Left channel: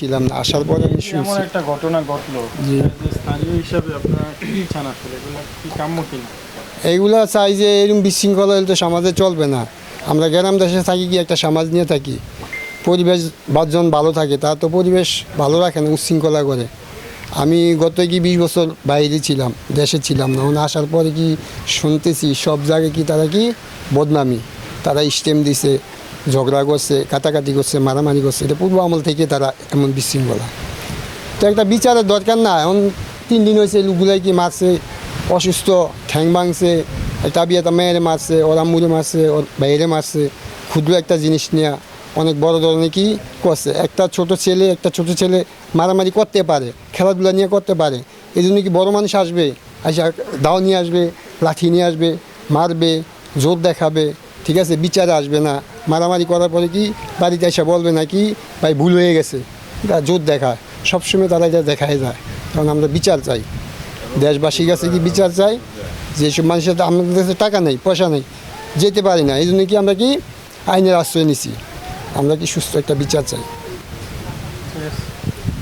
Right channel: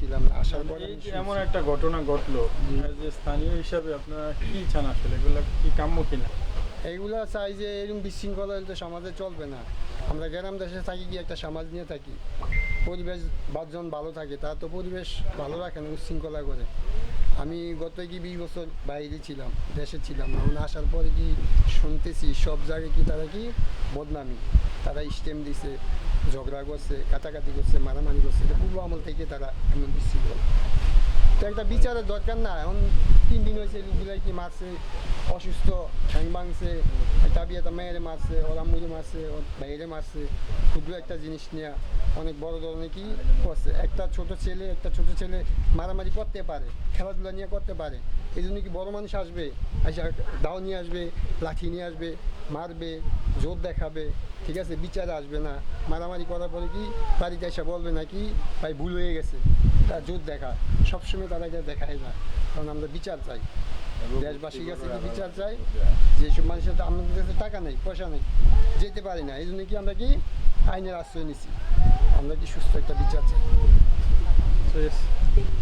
ছিলাম না আসার পরে আমি এমন শুনছি একটা ঘটনা ঘটলো। জি। যে স্থানীয় হিসাবে আপনারা কি চান আসলে এগুলো কি কাম্য কিনা? এইগুলা চাই যে এরকম বিশৃঙ্খলা হলে তো সমাজে চলবে না। আমরা গ্রাম দেশে থাকি কি একটা সমাজ নিয়ে থাকি। পরিবেশ বাজন ভালো থাকে তা তো পরিবেশ ভালো রাখে না উচ্ছৃঙ্খলা করে। আমি গত কি বিশ বছর বাইরে ছিলাম দেশে ছিলাম না। ওখানে আসার পরে কি শুনতেছি সব জায়গায় কি তারা কি বদনামি? তারা স্টেম দিছে ঝগড়া করছে, কাটাকাটি করছে, মারামারি করছে, এটা পূর্ব আমল থেকে তারা এমন বিশৃঙ্খলা। তো একটা বিচারের দরকার না, এখন তিন দিন হয়েছে লোকগুলাই কি মারছে, অসুস্থ, ঠ্যাং ভাঙছে একটা মেয়েরে মারছে, ওর আম্মুরে মারছে, ওর বাইরে মারছে, ক্ষুদ্র একটা জিনিস নিয়ে অনেক বড় ধরনের কি করছে। একটা ছোট ছেলে, একটা ছোট ছেলে মারামারি করতে পারে, খেলাধুলা নিয়ে করতে পারে এই জন্য কি বড় মানুষ আসবে আসে দাও নিয়ে আসবে, লাঠি নিয়ে আসবে, মারবে, জোর দেখাবে ঠিক আছে, বিচারে আসবে না। মারামারি করার পরে কি বাড়িতে এসে বলবে না কি ভাই, ভুল হয়ে গেছে। তা জোর দেখায়। সবসময় তারা এটা দেখায় যায় কারণ আমরা বিচার চাই। দেশবাসীর কাছে কি বিচার চাই? যেসব মানুষের আমাদের কাছে টাকা নেই, পয়সা নেই, যেতে পারি না। এই জন্য কি আমরা কি আইনের আশ্রয় নিছি? আমরা কি সুস্থ একটা বিচার চাই?